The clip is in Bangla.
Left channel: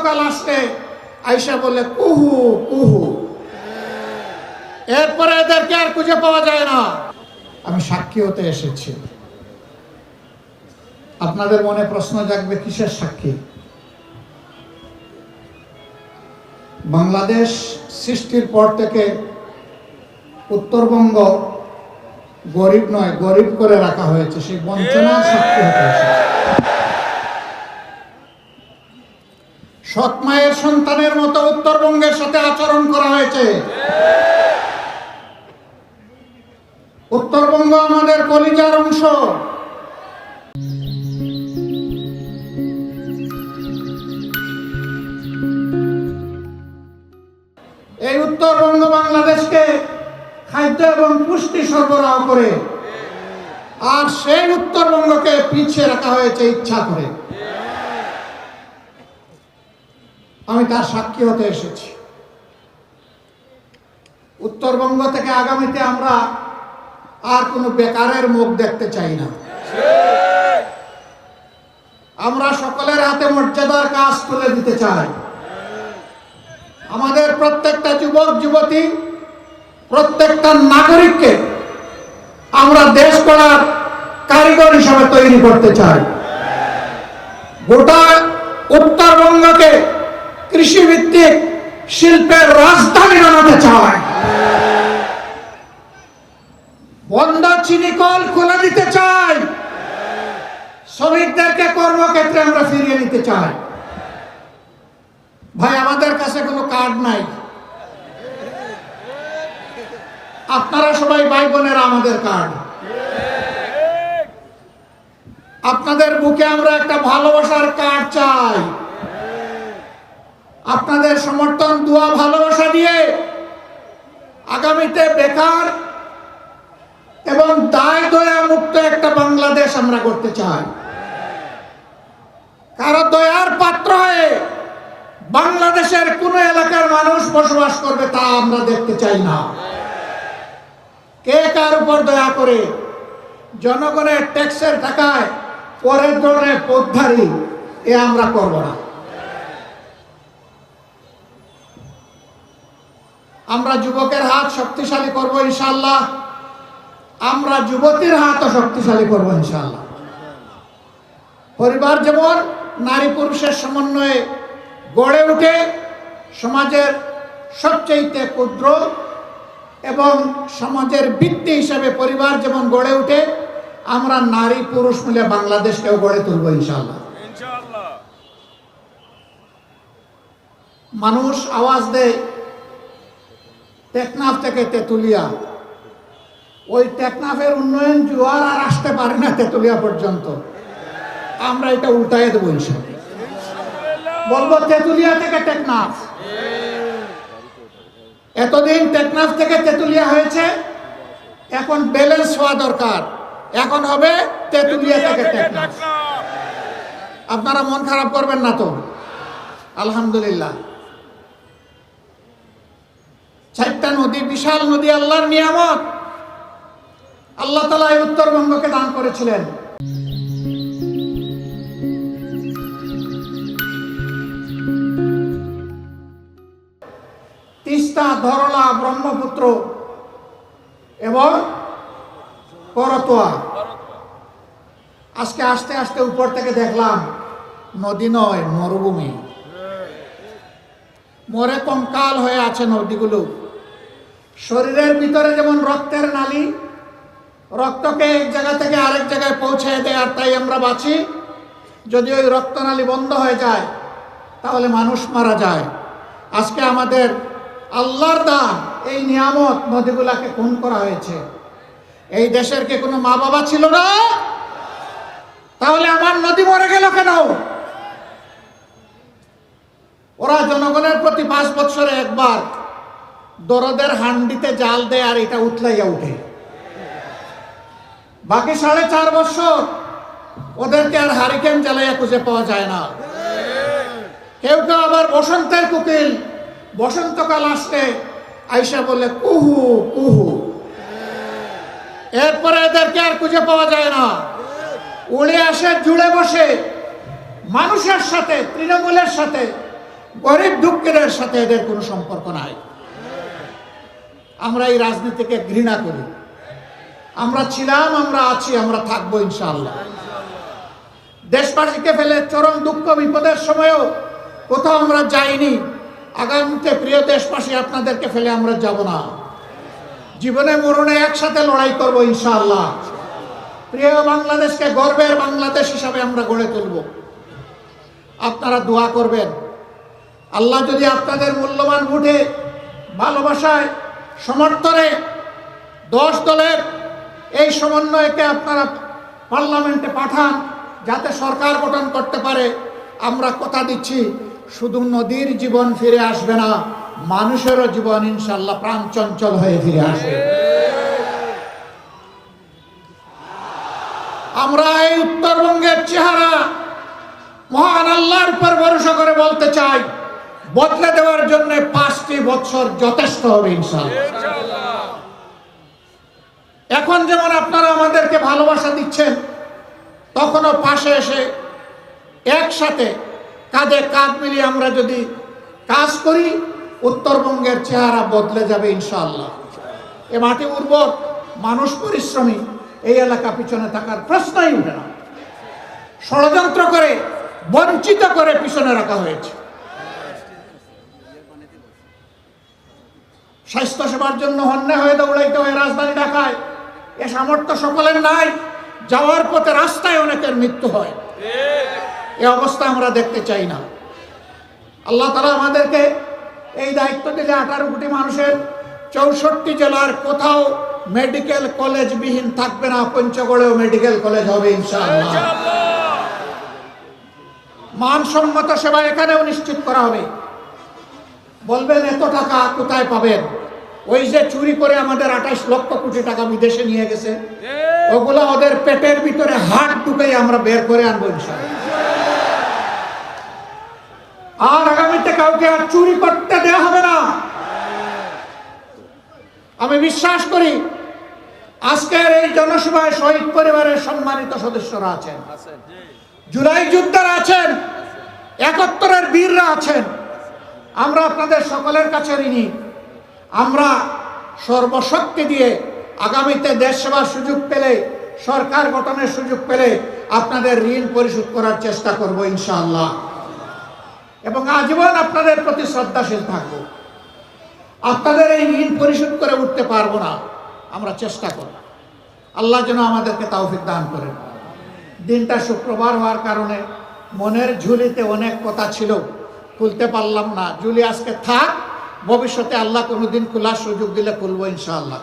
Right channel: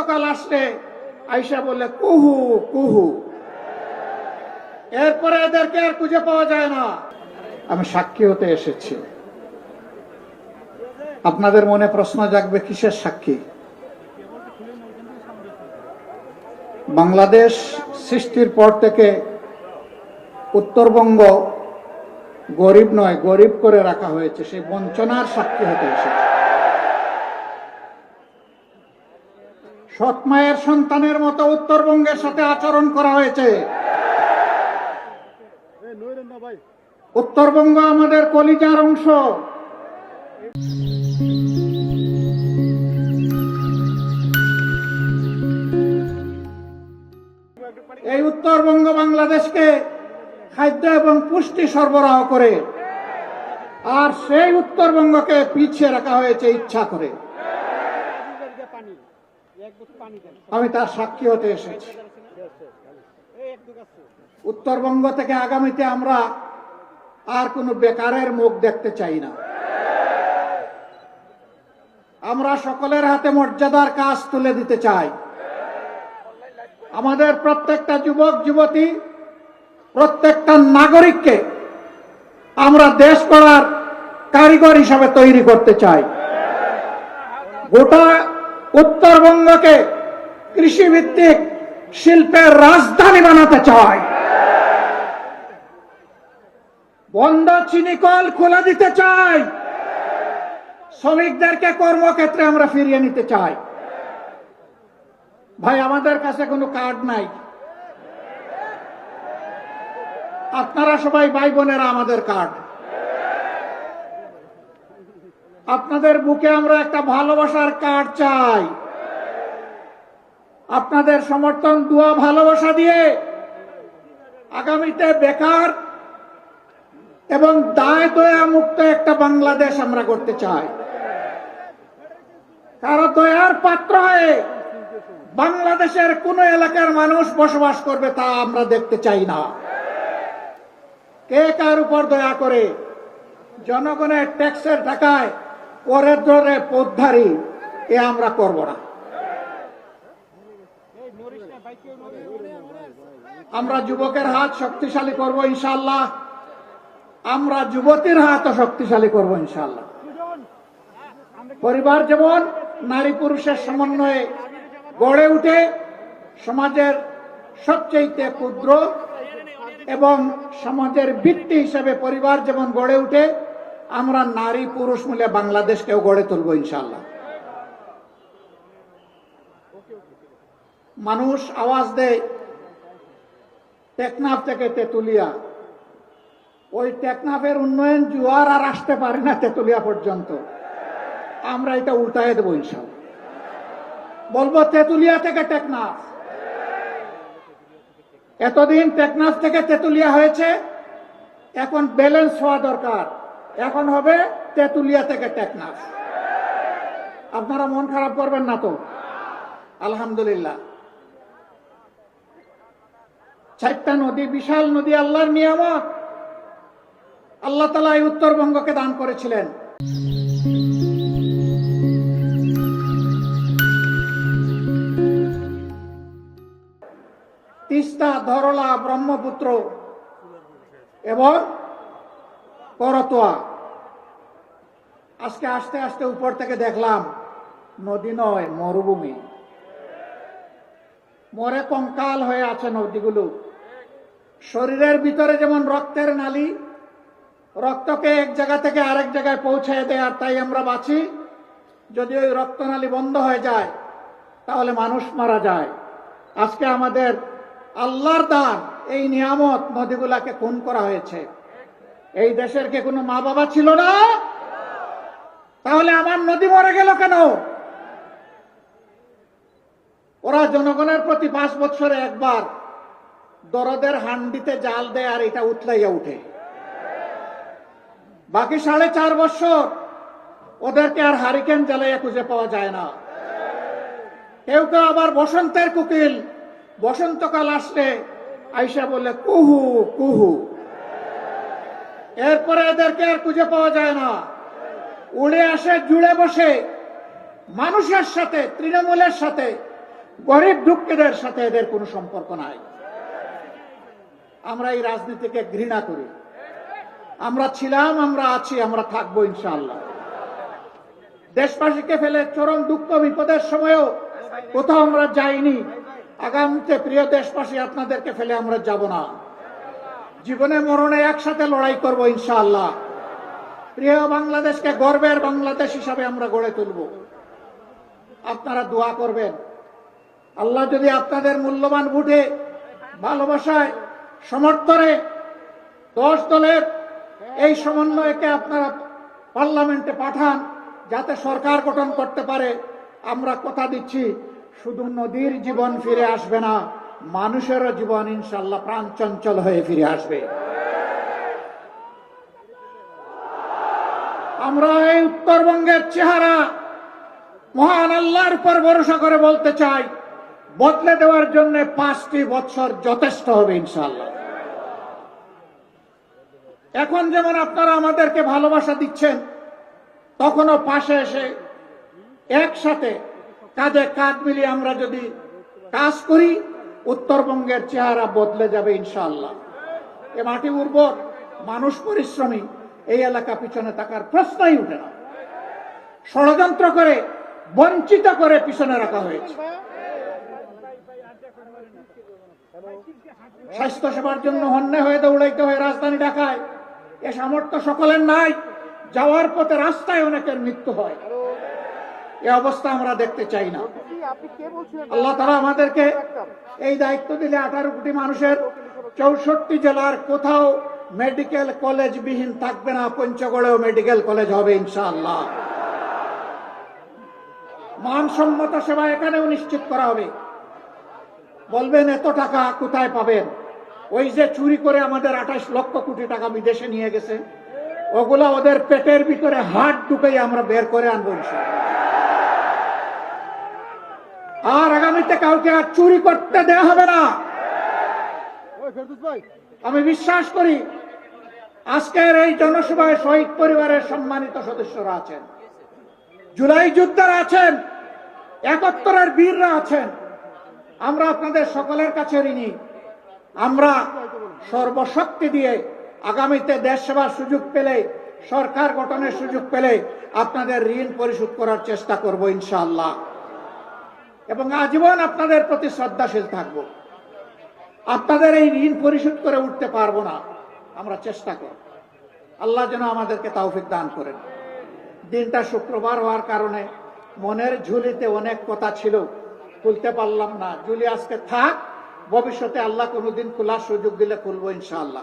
বসন্তকাল আসলে আয়সা বলে কুহু কুহু, এরপরে এদেরকে আর খুঁজে পাওয়া যায় না। আমি সাক্ষী হতে এসেছি। আপনাদের মনে প্রশ্ন জাগবে, কিসের সাক্ষী? বাংলাদেশ সৃষ্টির পর থেকে উত্তরবঙ্গ গরিব নয়, গরিব করে রাখা হয়েছে। সেই বঞ্চনার সাক্ষী হতে এসেছে। সৎ মায়ের সন্তানের মতো উত্তরবঙ্গের সাথে আচরণ করা হয়েছে। উত্তরবঙ্গ আমাদের কলিজার অংশ। এই উত্তরবঙ্গ বাংলাদেশকে খাদ্য এবং পুষ্টি সরবরাহ করে, আর সেই উত্তরবঙ্গকে পিছিয়ে রাখা হয়েছে ইচ্ছা করে। আমি তার সাক্ষী হতে এসেছি। উত্তরবঙ্গ থেকে আগামীতে আমরা আর কোনো বেকারের মুখ দেখতে চাই না। আমরা সকলের হাতে মর্যাদার কাজ তুলে দিতে চাই। আমাদের প্রত্যেকটা যুবক যুবতী, প্রত্যেকটা নাগরিককে আমরা দেশ গড়ার কারিগর হিসাবে তৈরি করতে চাই। গোটা উত্তরবঙ্গকে কৃষিভিত্তিক শিল্পের রাজধানী বানাতে চাই। বন্ধ চিনি কল খুলে দিতে চাই। শ্রমিকদেরকে কর্মক্ষেত্রে আমরা ফিরিয়ে নিতে চাই। ভাই, আমাদের কাছে কোনো কার্ড নাই। আপনারা সবাই ভাই বোনেরা আমাদের কার্ড। আপনাদের বুকে আমরা একটা ভালোবাসার কার্ড চাই। আপনাদের সমর্থন, দোয়া, ভালোবাসা দিয়ে আগামীতে বেকার এবং দায় দয়া মুক্ত একটা বাংলাদেশ আমরা করতে চাই। কারো দয়ার পাত্র হয়ে বাংলাদেশের কোন এলাকার মানুষ বসবাস করবে তা আমরা দেখতে চাই না। কে কার উপর দয়া করে জনগণের ট্যাক্সের টাকায় পরের দরে পথধারী, এ আমরা করব না। আমরা যুবকের হাত শক্তিশালী করব ইনশাআল্লাহ। আমরা যুবতীর হাতও শক্তিশালী করব ইনশাআল্লাহ। পরিবার যেমন নারী পুরুষের সমন্বয়ে গড়ে উঠে সমাজের সবচেয়ে ক্ষুদ্র এবং সমাজের ভিত্তি হিসেবে পরিবার যেমন গড়ে উঠে, আমরা নারী পুরুষ মিলে বাংলাদেশকেও গড়ে তুলব ইনশাআল্লাহ। মানুষ আওয়াজ দেয় টেকনাফ থেকে তেতুলিয়া। ওই টেকনাফের উন্নয়ন জোয়ার আর আসতে পারে না তেতুলিয়া পর্যন্ত। আমরা এটা উল্টায় দেবো ইনশাআল্লাহ। বলবো তেতুলিয়া থেকে টেকনাফ। এতদিন টেকনাফ থেকে তেতুলিয়া হয়েছে, এখন ব্যালেন্স হওয়া দরকার। এখন হবে তেতুলিয়া থেকে টেকনাফ। আপনারা মন খারাপ করবেন না তো? আলহামদুলিল্লাহ। 4টা নদী, বিশাল নদী, আল্লাহর নিয়ামত। আল্লাহ তাআলা এই উত্তরবঙ্গকে দান করেছিলেন। তিস্তা, ধরলা, ব্রহ্মপুত্র এবং করতোয়া। আজকে আস্তে আস্তে উপর থেকে দেখলাম নদী নয়, মরুভূমি। মরে কঙ্কাল হয়ে আছে নদীগুলো। শরীরের ভিতরে যেমন রক্তের নালী, রক্তকে এক জায়গা থেকে আরেক জায়গায় পৌঁছে দেয়, আর তাই আমরা বাঁচি। যদি ওই রক্তনালী বন্ধ হয়ে যায় তাহলে মানুষ মারা যায়। আজকে আমাদের আল্লাহর দান এই নিয়ামত, নদীগুলাকে খুন করা হয়েছে। এই দেশের কি কোনো মা বাবা ছিল না? তাহলে আমার নদী মরে গেল কেন? ওরা জনগণের প্রতি 5 বছরে একবার দরদের হান্ডিতে জাল দেয় আর এটা উতলাইয়া উঠে। বাকি 4.5 বছর ওদেরকে আর হারিকেন জ্বালাইয়া খুঁজে পাওয়া যায় না। কেউ কেউ আবার বসন্তের কোকিল, বসন্তকাল আসলে আয়সা বলে কুহু কুহু, এরপরে এদেরকে আর খুঁজে পাওয়া যায় না। উড়ে আসে, জুড়ে বসে মানুষের সাথে, তৃণমূলের সাথে, গরিব দুঃখের সাথে এদের কোনো সম্পর্ক নাই। আমরা এই রাজনীতিকে ঘৃণা করি। আমরা ছিলাম, আমরা আছি, আমরা থাকবো ইনশাআল্লাহ। দেশবাসীকে ফেলে চরম দুঃখ বিপদের সময়ও কোথাও আমরা যাইনি। আগামীতে প্রিয় দেশবাসী, আপনাদেরকে ফেলে আমরা যাব না। জীবনে মরণে একসাথে লড়াই করব ইনশাআল্লাহ। প্রিয় বাংলাদেশকে গর্বের বাংলাদেশ হিসাবে আমরা গড়ে তুলব। আপনারা দোয়া করবেন। আল্লাহ যদি আপনাদের মূল্যবান ভোটে, ভালোবাসায়, সমর্থনে 10 দলের এই সমন্বয়কে আপনারা পার্লামেন্টে পাঠান, যাতে সরকার গঠন করতে পারে। আমরা কথা দিচ্ছি, শুধু নদীর জীবন ফিরে আসবে না, মানুষেরও জীবন ইনশাআল্লাহ প্রাণ চঞ্চল হয়ে ফিরে আসবে। আমরা এই উত্তরবঙ্গের চেহারা মহান আল্লাহর উপর ভরসা করে বলতে চাই, বদলে দেওয়ার জন্য 5টি বছর যথেষ্ট হবে ইনশাআল্লাহ। এখন যেমন আপনারা আমাদেরকে ভালোবাসা দিচ্ছেন, তখনও পাশে এসে একসাথে কাঁধে কাঁধ মিলিয়ে আমরা যদি কাজ করি, উত্তরবঙ্গের চেহারা বদলে যাবে ইনশাআল্লাহ। এ মাটি উর্বর, মানুষ পরিশ্রমী, এই এলাকা পিছনে থাকার প্রশ্নই উঠে না। ষড়যন্ত্র করে, বঞ্চিত করে পিছনে রাখা হয়েছে। স্বাস্থ্য সেবার জন্য হন্যে হয়ে দৌড়াইতে হয় রাজধানী ঢাকায়। এ সামর্থ্য সকলের নাই। যাওয়ার পথে রাস্তায় অনেকের মৃত্যু হয়। এই অবস্থা আমরা দেখতে চাই না। আল্লাহ তাআলা আমাদেরকে এই দায়িত্ব দিলে 18 কোটি মানুষের 64 জেলার কোথাও মেডিকেল কলেজ বিহীন থাকবে না। পঞ্চগড়েও মেডিকেল কলেজ হবে ইনশাআল্লাহ। মানসম্মত সেবা এখানেও নিশ্চিত করা হবে। বলবেন এত টাকা কোথায় পাবেন? ওই যে চুরি করে আমাদের 28 লক্ষ কোটি টাকা বিদেশে নিয়ে গেছে, ওগুলো ওদের পেটের ভিতরে হাত ঢুকে আমরা বের করে আনবো ইনশাআল্লাহ। আর আগামীতে কাউকে আর চুরি করতে দেওয়া হবে না। আমি বিশ্বাস করি আজকের এই জনসভায় শহীদ পরিবারের সম্মানিত সদস্যরা আছেন, জুলাই যোদ্ধারা আছেন, 71-এর বীররা আছেন। আমরা আপনাদের সকলের কাছে ঋণী। আমরা সর্বশক্তি দিয়ে আগামীতে দেশ সেবার সুযোগ পেলে, সরকার গঠনের সুযোগ পেলে আপনাদের ঋণ পরিশোধ করার চেষ্টা করব ইনশাআল্লাহ। এবং আজীবন আপনাদের প্রতি শ্রদ্ধাশীল থাকব। আপনাদের এই ঋণ পরিশোধ করে উঠতে পারবো না, আমরা চেষ্টা করব। আল্লাহ যেন আমাদেরকে তৌফিক দান করেন। দিনটা শুক্রবার হওয়ার কারণে মনের ঝুলিতে অনেক কথা ছিল, খুলতে পারলাম না। ঝুলি আজকে থাক, ভবিষ্যতে আল্লাহ কোনোদিন খোলার সুযোগ দিলে খুলবো ইনশাআল্লাহ।